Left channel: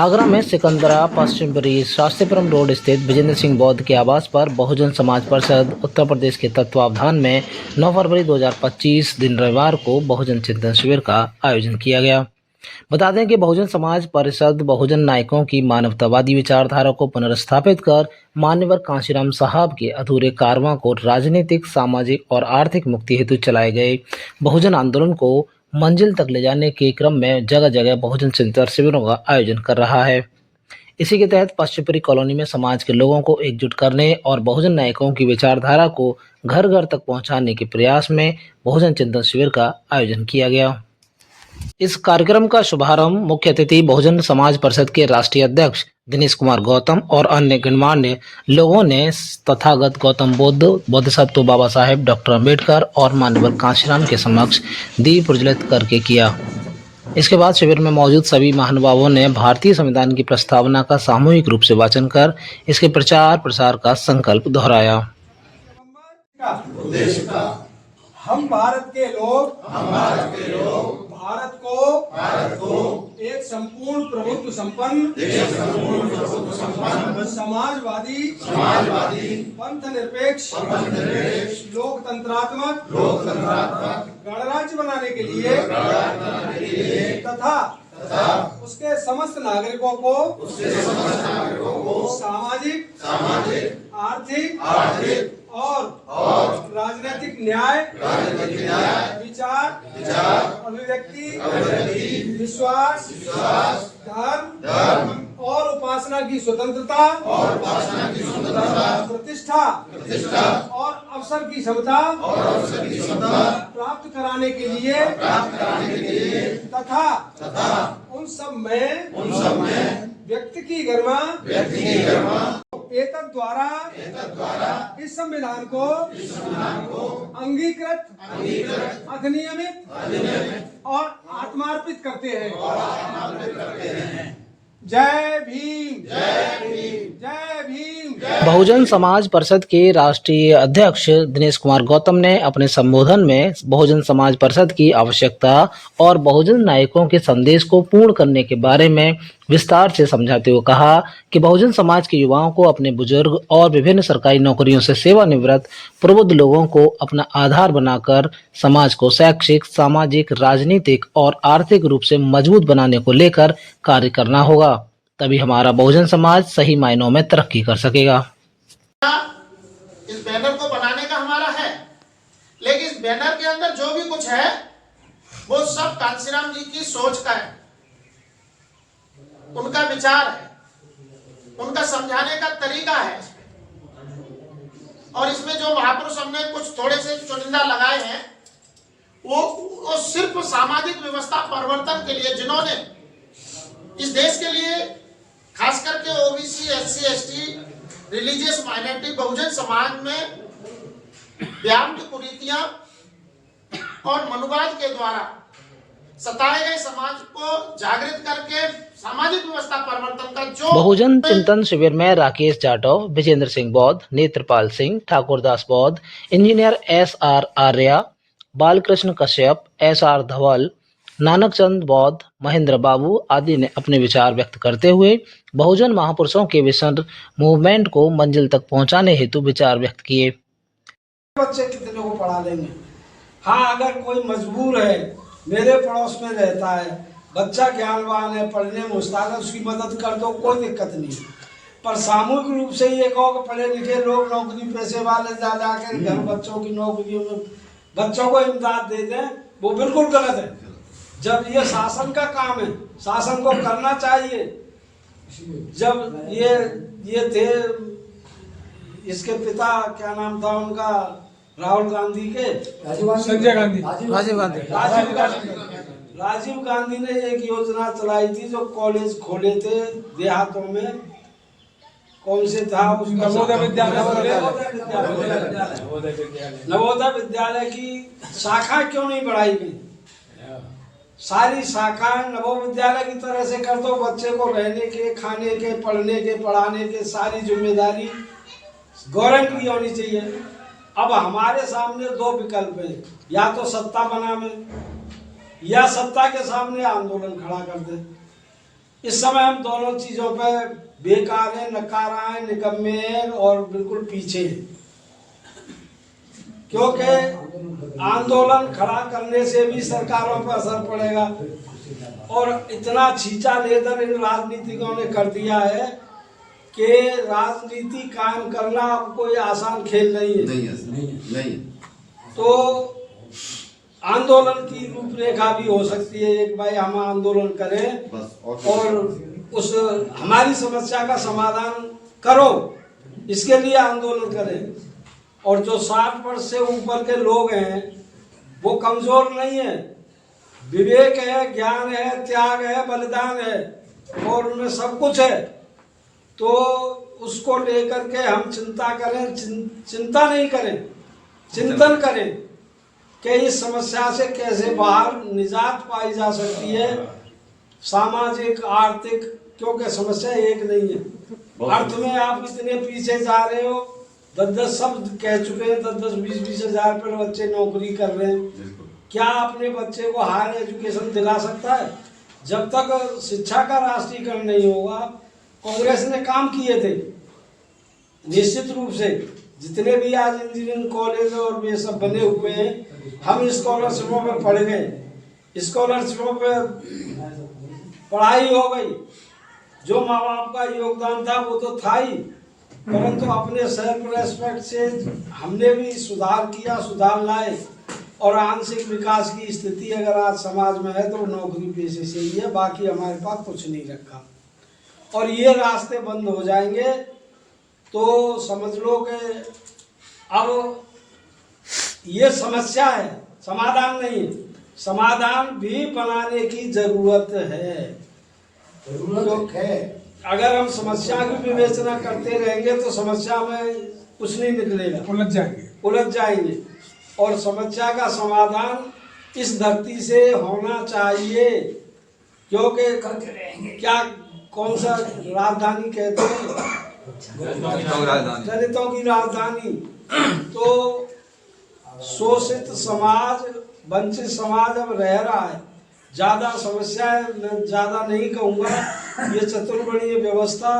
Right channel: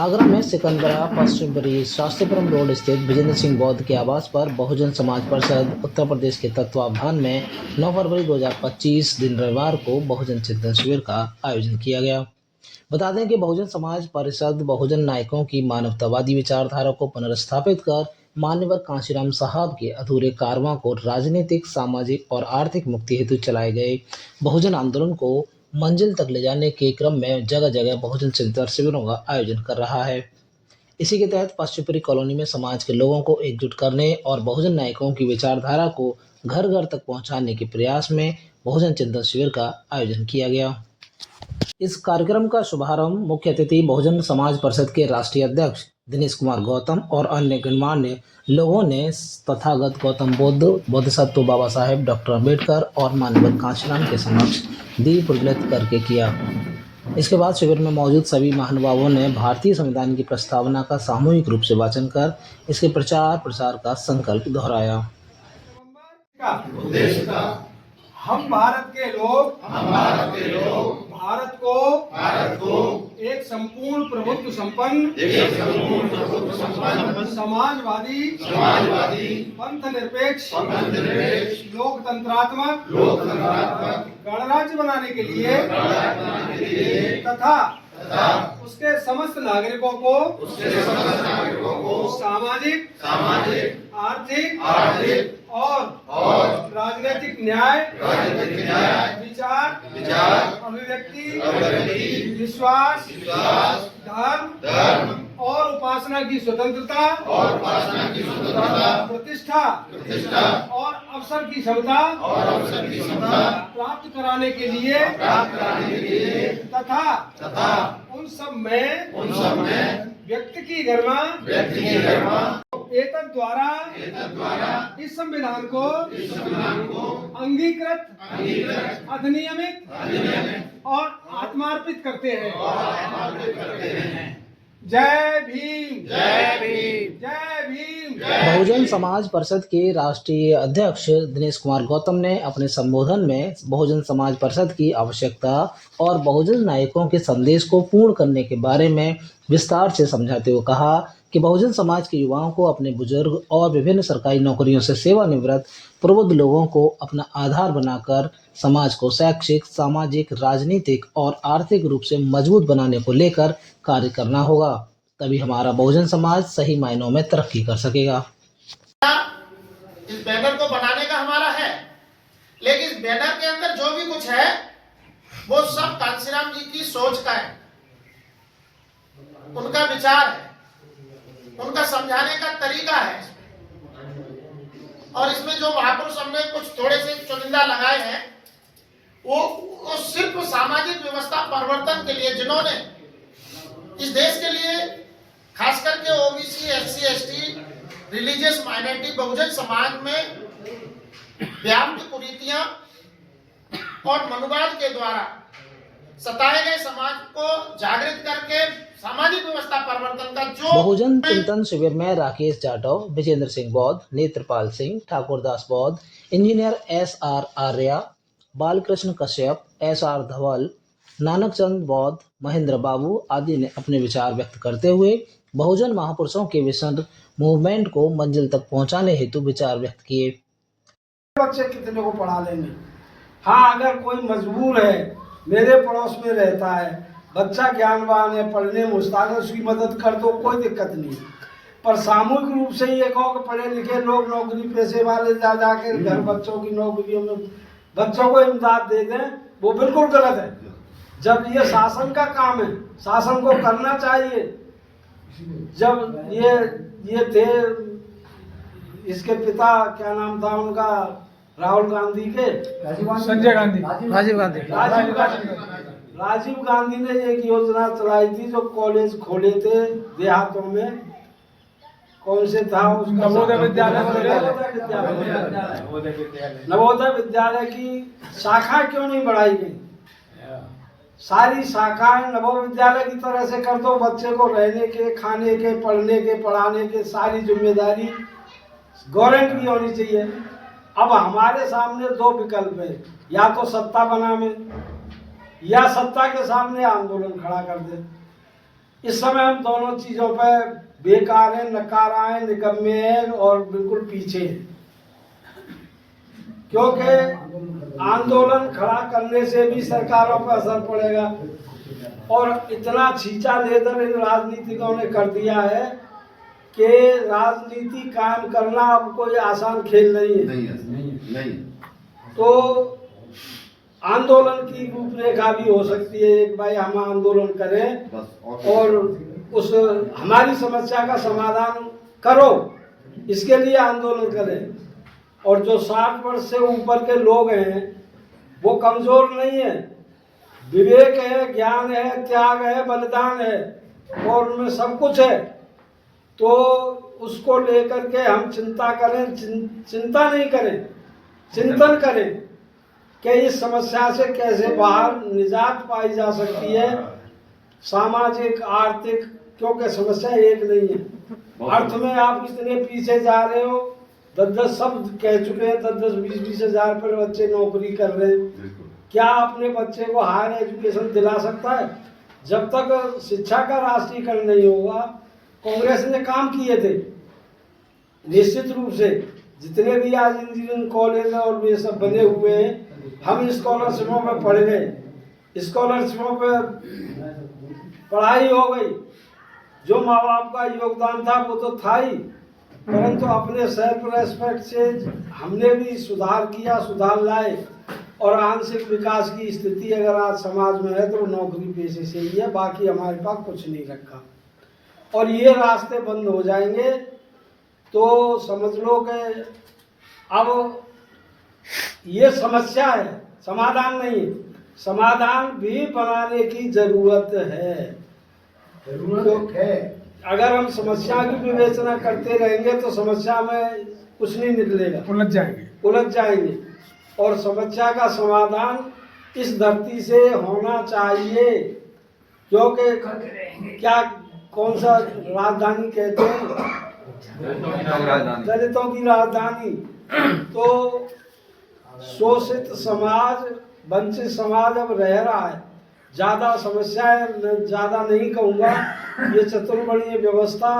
आगरा में सिकंदरा पश्चिमपुरी शास्त्रीपुरम रोड स्थित विजेंद्र सिंह बौद्ध के आवास पर बहुजन समाज परिषद उत्तर प्रदेश के तत्वावधान में 9 फरवरी 2025 दिन रविवार को बहुजन चिंतन शिविर का आयोजन किया गया। बता दें कि बहुजन समाज परिषद बहुजन नायकों की मानवतावादी विचारधारा को पुनर्स्थापित कर मान्यवर कांशीराम साहब के अधूरे कारवां को राजनीतिक, सामाजिक और आर्थिक मुक्ति हेतु चलाए गए बहुजन आंदोलन को मंजिल तक ले जाने के क्रम में जगह जगह बहुजन चिंतन शिविरों का आयोजन कर रहा है। इसी के तहत पश्चिमपुरी कॉलोनी में समाज के लोगों को एकजुट करने और बहुजन नायकों की विचारधारा को घर घर तक पहुंचाने के प्रयास में बहुजन चिंतन शिविर का आयोजन किया गया। इस कार्यक्रम का शुभारंभ मुख्य अतिथि बहुजन समाज परिषद के राष्ट्रीय अध्यक्ष दिनेश कुमार गौतम और अन्य गणमान्य लोगों ने तथागत गौतम बुद्ध, बोधिसत्व बाबा साहेब डॉक्टर अम्बेडकर और मान्यवर कांशीराम के समक्ष दीप प्रज्वलित करके किया। इसके बाद शिविर में मौजूद सभी महानुभावों ने भारतीय संविधान की प्रस्तावना का सामूहिक रूप से वाचन कर इसके प्रचार प्रसार का संकल्प दोहराया। हम भारत के लोग भारत को एक संपूर्ण प्रभुत्व संपन्न समाजवादी पंथ निरपेक्ष लोकतंत्रात्मक गणराज्य बनाने के लिए तथा उसके समस्त नागरिकों को सामाजिक आर्थिक और राजनीतिक न्याय विचार अभिव्यक्ति विश्वास धर्म और उपासना की स्वतंत्रता प्रतिष्ठा और अवसर की क्षमता प्राप्त कराने के लिए तथा उन सब में व्यक्ति की गरिमा एतद द्वारा इस संविधान को अंगीकृत अधिनियमित और आत्मार्पित करते हैं। जय भीम, जय भीम, जय भीम। बहुजन समाज परिषद के राष्ट्रीय अध्यक्ष दिनेश कुमार गौतम ने अपने संबोधन में बहुजन समाज परिषद की आवश्यकता और बहुजन नायकों के संदेश को पूर्ण करने के बारे में विस्तार से समझाते हुए कहा कि बहुजन समाज के युवाओं को अपने बुजुर्ग और विभिन्न सरकारी नौकरियों से सेवानिवृत्त प्रबुद्ध लोगों को अपना आधार बनाकर समाज को शैक्षिक, सामाजिक, राजनीतिक और आर्थिक रूप से मजबूत बनाने को लेकर कार्य करना होगा, तभी हमारा बहुजन समाज सही मायनों में तरक्की कर सकेगा। इस बैनर को बनाने का हमारा है, लेकिन इस बैनर के अंदर जो भी कुछ है वो सब कांशीराम जी की सोच का है, उनका विचार है, उनका समझाने का तरीका है। और इसमें जो महापुरुष हमने कुछ थोड़े से चुनिंदा लगाए हैं वो सिर्फ सामाजिक व्यवस्था परिवर्तन के लिए, जिन्होंने इस देश के लिए खास करके OBC, SC, ST, religious minority, बहुजन समाज में व्याप्त कुरीतियां और मनुवाद के द्वारा सताए गए समाज को जागृत करके सामाजिक व्यवस्था परिवर्तन का जो बहुजन चिंतन शिविर में राकेश जाटव, विजेंद्र सिंह बौद्ध, नेत्रपाल सिंह, ठाकुरदास बौद्ध, engineer SR Arya, Balkrishna Kashyap, SR धवल, नानक चंद बौद्ध, महेंद्र बाबू आदि ने अपने विचार व्यक्त करते हुए बहुजन महापुरुषों के विजन मूवमेंट को मंजिल तक पहुंचाने हेतु विचार व्यक्त किए। बच्चे कितने को पढ़ा लेंगे? हाँ, अगर कोई मजबूर है, मेरे पड़ोस में रहता है, बच्चा ज्ञानवान है, पढ़ने में उस्ताद है, उसकी मदद कर दो, कोई दिक्कत नहीं। पर सामूहिक रूप से ये कहो कि पढ़े लिखे लोग नौकरी पेशे वाले जा जाके घर बच्चों की नौकरियों में बच्चों को इमदाद दे दें, वो बिल्कुल गलत है। जब ये शासन का काम है, शासन को करना चाहिए। जब ये थे, इसके पिता क्या नाम था उनका, राहुल गांधी के, राजीव गांधी ने एक योजना चलाई थी जो कॉलेज खोले थे देहातों में। कौन से था उसका? नवोदय विद्यालय की शाखा क्यों नहीं बढ़ाई गई? सारी शाखाएं नवोदय विद्यालय की तरह से कर दो, बच्चे को रहने के, खाने के, पढ़ने के, पढ़ाने के सारी जिम्मेदारी गवर्नमेंट की होनी चाहिए। अब हमारे सामने दो विकल्प है, या तो सत्ता बनावे या सत्ता के सामने आंदोलन खड़ा कर दे। इस समय हम दोनों चीज़ों पे बेकार हैं, नकारा हैं, निकम्मे हैं और बिल्कुल पीछे हैं। क्योंकि आंदोलन खड़ा करने से भी सरकारों पर असर पड़ेगा और इतना छींचा लेकर इन राजनीतिकों ने कर दिया है कि राजनीति कायम करना अब कोई आसान खेल नहीं है। नहीं। तो आंदोलन की रूपरेखा भी हो सकती है, एक भाई हम आंदोलन करें बस और उस हमारी समस्या का समाधान करो, इसके लिए आंदोलन करें। और जो 60 वर्ष से ऊपर के लोग हैं वो कमजोर नहीं है, विवेक है, ज्ञान है, त्याग है, बलिदान है और उनमें सब कुछ है। तो उसको लेकर के हम चिंता करें, चिंता नहीं करें, चिंतन करें कि इस समस्या से कैसे बाहर निजात पाई जा सकती है, सामाजिक, आर्थिक, क्योंकि समस्या एक नहीं है। अर्थ में आप इतने पीछे जा रहे हो, 10-10 शब्द कह चुके हैं, 10-10, 20-20 हजार पर बच्चे नौकरी कर रहे हैं। क्या अपने बच्चे को हायर एजुकेशन दिला सकता है? जब तक शिक्षा का राष्ट्रीयकरण नहीं होगा। कांग्रेस ने काम किए थे निश्चित रूप से, जितने भी आज इंजीनियरिंग कॉलेज और वे सब बने हुए हैं, हम स्कॉलरशिपों में पढ़ गए, स्कॉलरशिपों पे पढ़ाई हो गई, जो माँ बाप का योगदान था वो तो था ही, परंतु अपने सेल्फ रेस्पेक्ट से हमने भी सुधार किया, सुधार लाए और आंशिक विकास की स्थिति अगर आज समाज में है तो नौकरी पेशे से ही है, बाकी हमारे पास कुछ नहीं रखा। और ये रास्ते बंद हो जाएंगे तो समझ लो कि अब ये समस्या है, समाधान नहीं है, समाधान भी बनाने की जरूरत है। अगर हम समस्या की विवेचना करते रहेंगे तो समस्या में कुछ नहीं निकलेगा, उलझ जाएंगे। और समस्या का समाधान इस धरती से होना चाहिए, क्योंकि क्या कौन सा राजधानी कहते हैं, दलितों की राजधानी। तो शोषित समाज, वंचित समाज अब रह रहा है। ज़्यादा समस्याएं मैं ज़्यादा नहीं कहूँगा, ये चतुर्वर्णीय व्यवस्था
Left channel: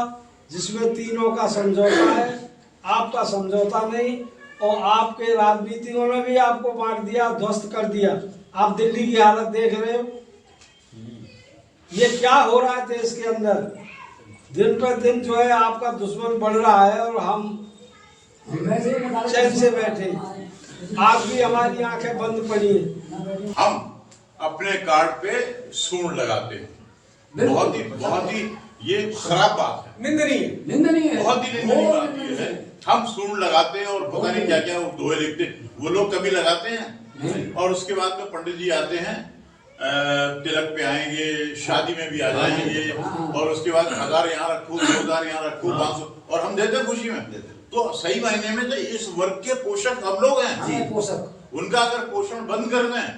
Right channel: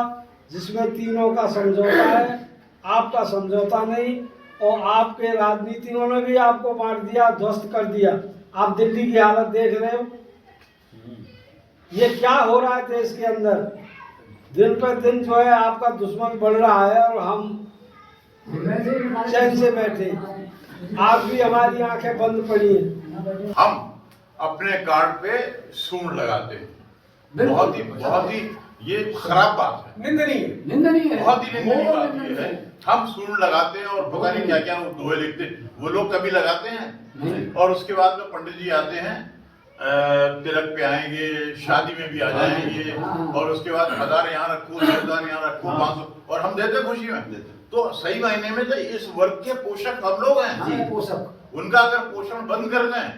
जिसमें तीनों का समझौता है, आपका समझौता नहीं, और आपके राजनीतिकों ने भी आपको बांट दिया, ध्वस्त कर दिया। आप दिल्ली की हालत देख रहे हो, ये क्या हो रहा है देश के अंदर। दिन पर दिन जो है आपका दुश्मन बढ़ रहा है और हम चैन से बैठे, आज भी हमारी आंखें बंद पड़ी हैं। हम अपने कार्ड पे सूंड लगाते हैं, बहुत ही ये खराब बात है, निंदनीय बहुत ही निंदनीय बात ये है। हम सूंड लगाते हैं और पता नहीं क्या क्या वो दोहे लिखते हैं, वो लोग कभी लगाते हैं और उसके बाद में पंडित जी आते हैं, तिलक पे आएंगे, शादी में भी आ जाएंगे और उसके बाद 1000 यहाँ रखो, 2000 यहाँ रखो, 500, और हम देते खुशी में। तो सही मायने में तो इस वर्ग के पोषक हम लोग हैं, पोषक। उनका अगर पोषण बंद कर दें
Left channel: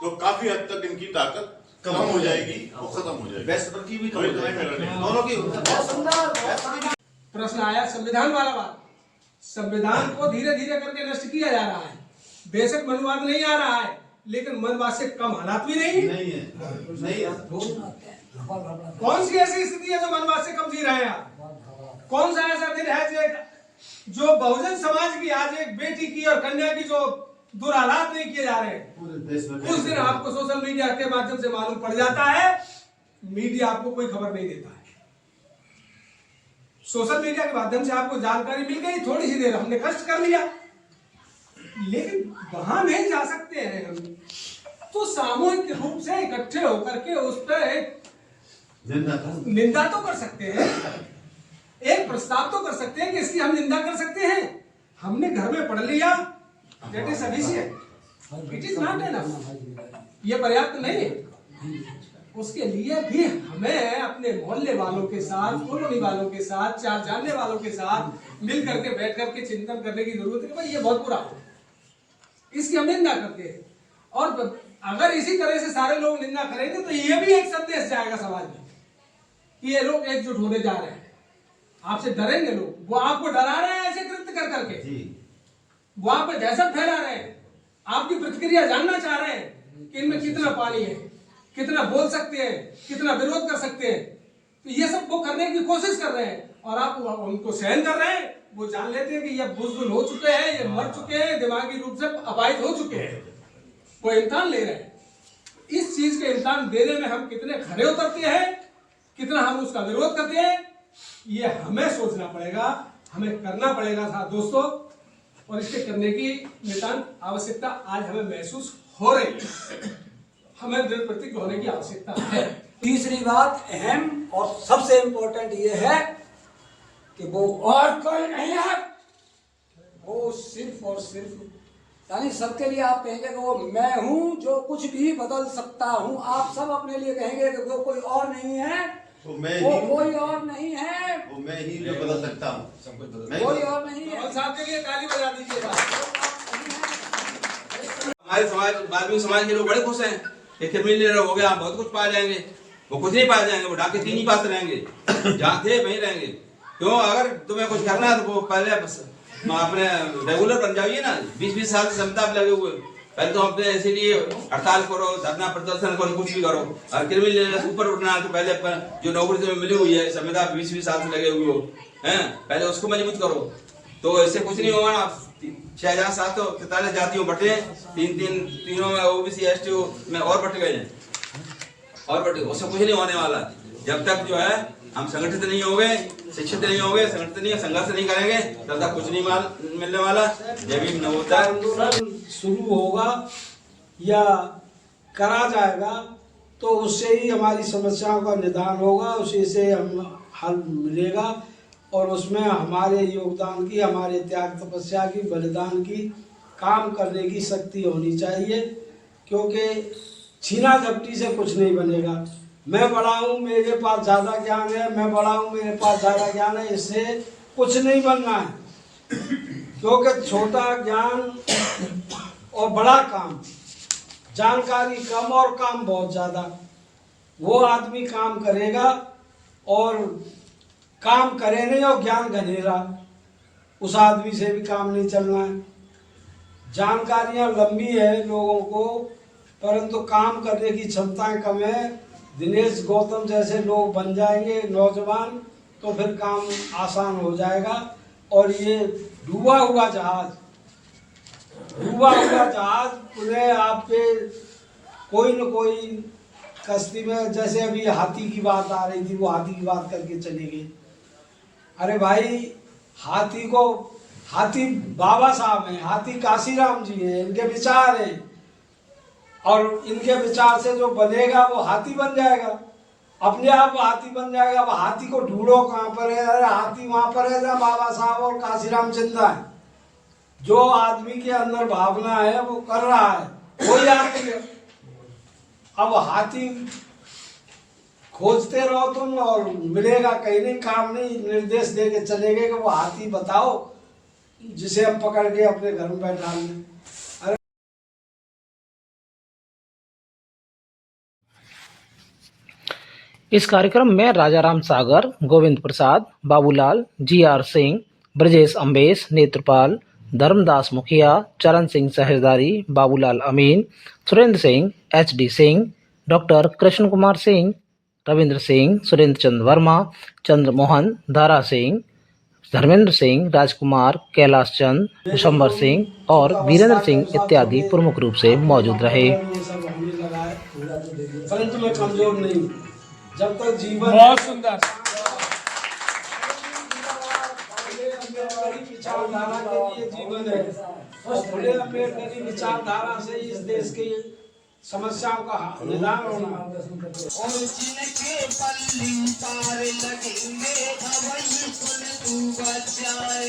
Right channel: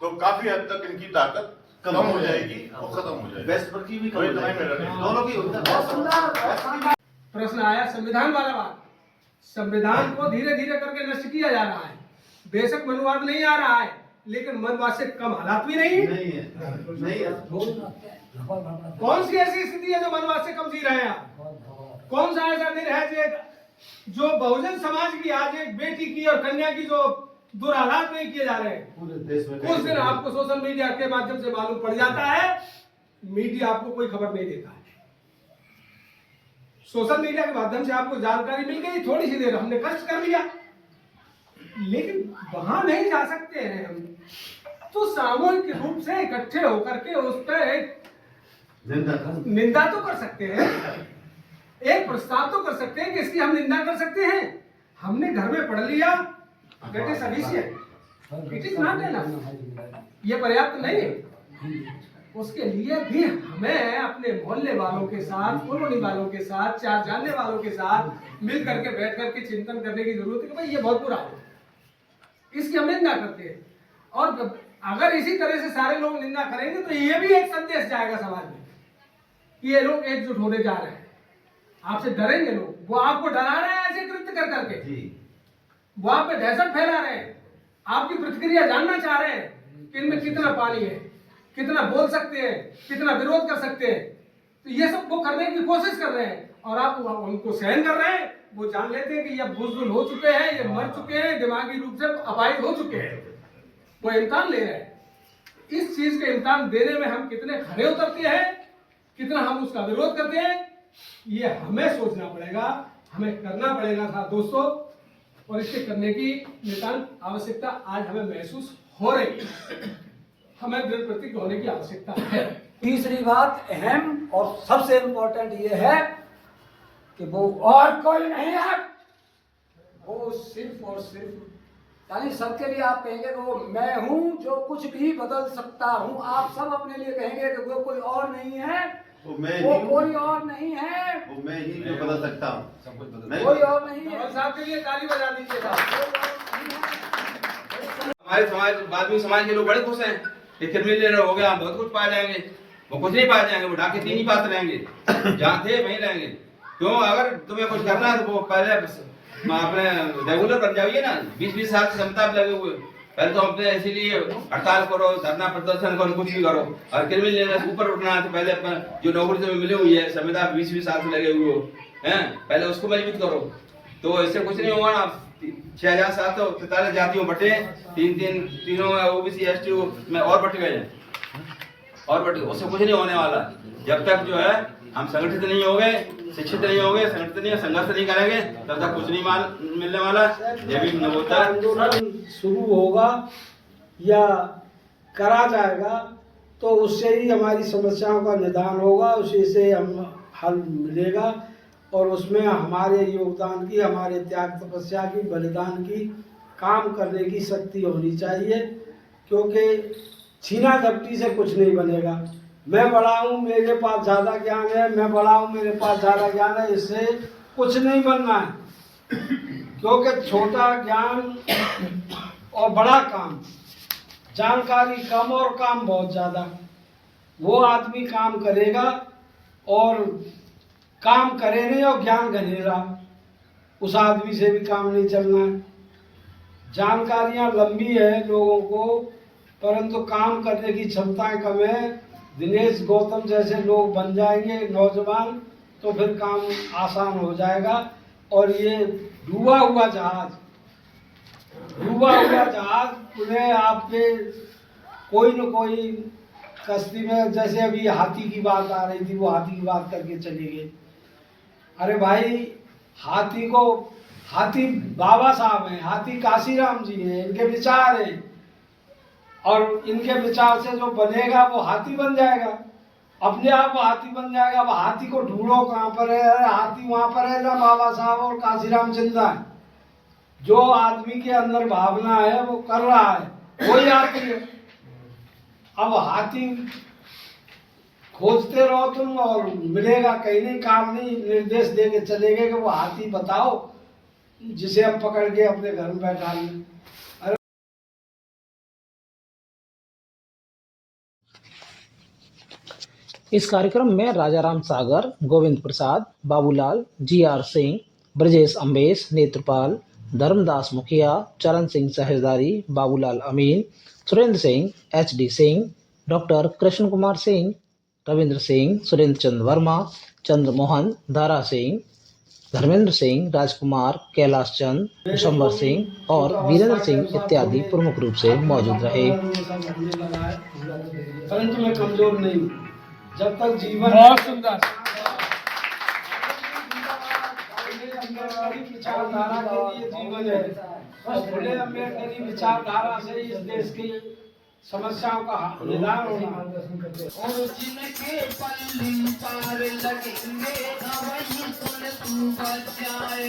तो काफी हद तक इनकी ताकत कम हो जाएगी और खत्म हो जाएगी। वेस्ट की भी दोनों की। प्रश्न आया संविधान वाला बात, संविधान को धीरे धीरे करके नष्ट किया जा रहा है। बेशक मनवाद नहीं आ रहा है, लेकिन मनवाद से कम हालात भी नहीं है। कौन सी ऐसी स्थिति है जो मनवाद से कम जी रहे हैं? कौन सा ऐसा दिन है जो बहुजन समाज की आज एक बेटी की और कन्या की जो दुरालात नहीं किए जा रहे हैं? उस दिन आपको सोशल मीडिया के माध्यम से मालूम पड़ जाता है, मीडिया आपको कोई खबर नहीं देता है। सोशल मीडिया के माध्यम से आपको जानकारी मिल गई, थोड़ी सी देर हमने कष्ट कर लिया, लेकिन वहां नहीं जा सकते हैं हम, तो सामूहिक रूप से इकट्ठे होकर के उस पर निंदा तो कर सकते हैं, एक प्रस्ताव तो कर सकते हैं कि इसकी हम निंदा कर सकते हैं। हमने घर में पढ़ लिया, it is sufficient, it is not enough, ये पर्याप्त नहीं है। उसके लिए भी हमें अपने मोहल्ले वालों के साथ, कॉलोनी वालों के साथ, चार जानने वालों के साथ मिल करके बैठ करके चिंतन करने की जरूरत है कि भाई ये बहुत बुरा है, इसकी हम निंदा करते हैं। और अगर इसी तरह से सारे लोग निंदा करेंगे तो ये भी एक संदेश जाएगा समाज में कि ये लोग एकजुट होने जा रहे हैं, आपसे डरेंगे लोग, वो आपको डरा रहे हैं ऐसे कृत्य कर करके, वो आप पे दहशत फैला रहे हैं, आपकी प्रतिक्रिया जानना चाह रहे हैं कि इनमें कितना पानी है, कितना बोल सकते हैं, कितना विरोध कर सकते हैं। तो ये सब वो करने की कोशिश कर रहे हैं और आप उनको सहन कर रहे हैं। वो जान लेते हैं कि ये बुज़दिल हो चुके हैं, ये मर चुके हैं, दिमागी रूप से अपाहिज हो चुके हैं। वो इम्तिहान ले रहे हैं। इस चीज के इम्तिहान देने में हम कितने खरे उतरते हैं, कितना हम उसका विरोध करते हैं, ये हमें सोचना पड़ेगा, हमें करना पड़ेगा था दोस्तों। और इसके करने की नितांत आवश्यकता आज हमें महसूस हो रही है। हमें दृढ़ प्रतिज्ञ होने की आवश्यकता है। तीसरी बात अहम और सबसे इम्पोर्टेंट ये है कि वो और कोई नहीं है, वो सिर्फ और सिर्फ यानी सबके लिए आप कहेंगे कि वो मैं हूं जो कुछ भी बदल सकता हूं। आप सब अपने लिए कहेंगे कि वो कोई और नहीं है, वो मैं वो ही हूं, कोई और नहीं है, वो मैं ही जो बदल सकता हूँ, सब कुछ बदल कोई और नहीं है। कमल साहब के लिए ताली बजा दीजिएगा। हमारे समाज वाल्मीकि समाज के लोग बड़े खुश हैं कि क्रिमिनल हो गया, हम बहुत कुछ पा जाएंगे। वो कुछ नहीं पा जाएंगे, वो डाके 3 ही पास रहेंगे, जहाँ थे वहीं रहेंगे। क्यों? अगर तुम्हें कुछ करना है तो वो पहले अपने रेगुलर बन जाइए ना। 20-20 साल से संताप लगे हुए, पहले तो अपने इसीलिए हड़ताल करो, धरना प्रदर्शन करो, कुछ भी करो। और क्रिमिनल ऊपर उठना है तो पहले जो नौकरी से मिली हुई है संविदा 20-20 साल से लगे हुए हो हैं, पहले उसको मजबूत करो। तो इससे कुछ नहीं होगा ना। 6743 जातियों बटे, तीनों में ओबीसी एसटी में और बट गए हैं, और बटे, उससे कुछ नहीं होने वाला। जब तक जो है हम संगठित नहीं होंगे, शिक्षित नहीं होंगे, संगठित नहीं संघर्ष नहीं करेंगे, तब तक कुछ नहीं मिलने वाला। ये भी न होता है। आंदोलन शुरू होगा या करा जाएगा तो उससे ही हमारी समस्याओं का निदान होगा, उसी से हम हल मिलेगा। और उसमें हमारे योगदान की, हमारे त्याग तपस्या की, बलिदान की, काम करने की शक्ति होनी चाहिए। क्योंकि छीना झपटी से कुछ नहीं बनेगा। मैं बड़ा हूँ, मेरे पास ज़्यादा ज्ञान है, मैं बड़ा हूँ, मेरे पास ज़्यादा ज्ञान है, इससे कुछ नहीं बनना है। क्योंकि छोटा ज्ञान और बड़ा काम, जानकारी कम और काम बहुत ज़्यादा। वो आदमी काम करेगा और काम करे नहीं और ज्ञान घनेरा, उस आदमी से भी काम नहीं चलना है। जानकारियाँ लंबी है लोगों को, परंतु काम करने की क्षमताएं कम है। दिनेश गौतम जैसे लोग बन जाएंगे नौजवान तो फिर काम आसान हो जाएगा। और ये डूबा हुआ जहाज उन्हें आपके कोई न कोई कश्ती में, जैसे अभी हाथी की बात आ रही थी, वो हाथी की बात करके चले गए। अरे भाई, हाथी बाबा साहब हैं, हाथी काशीराम जी हैं, इनके विचार हैं और इनके विचार से जो बनेगा वो हाथी बन जाएगा, अपने आप हाथी बन जाएगा। अब हाथी को ढूंढो कहाँ पर है? अरे हाथी वहाँ पर है जहाँ बाबा साहब और काशीराम जिंदा है। जो आदमी के अंदर भावना है वो कर रहा है, वही हाथी है। अब हाथी खोजते रहो तुम और मिलेगा कहीं नहीं, काम नहीं। निर्देश दे के चले गए कि वो हाथी बताओ जिसे हम पकड़ के अपने घर में बैठा लें। इस कार्यक्रम में राजाराम सागर, गोविंद प्रसाद, बाबूलाल, GR सिंह, ब्रजेश अम्बेश, नेत्रपाल, धर्मदास मुखिया, चरण सिंह सहजदारी, बाबूलाल अमीन, सुरेंद्र सिंह, HD सिंह, डॉक्टर कृष्ण कुमार सिंह, रविंद्र सिंह, सुरेंद्र चंद्र वर्मा, चंद्रमोहन, दारा सिंह, धर्मेंद्र सिंह, राजकुमार, कैलाश चंद, विशंबर सिंह और वीरेंद्र सिंह इत्यादि प्रमुख रूप से मौजूद रहे। परंतु मैं कमजोर नहीं हूँ। जब तक जीवन बहुत सुंदर विचारधारा के लिए जीवन है, और फुले अम्बेडकरी विचारधारा से इस देश की समस्याओं का निदान होना। जिनके पल्ली तार लगेंगे, अवश्य तू बचाए।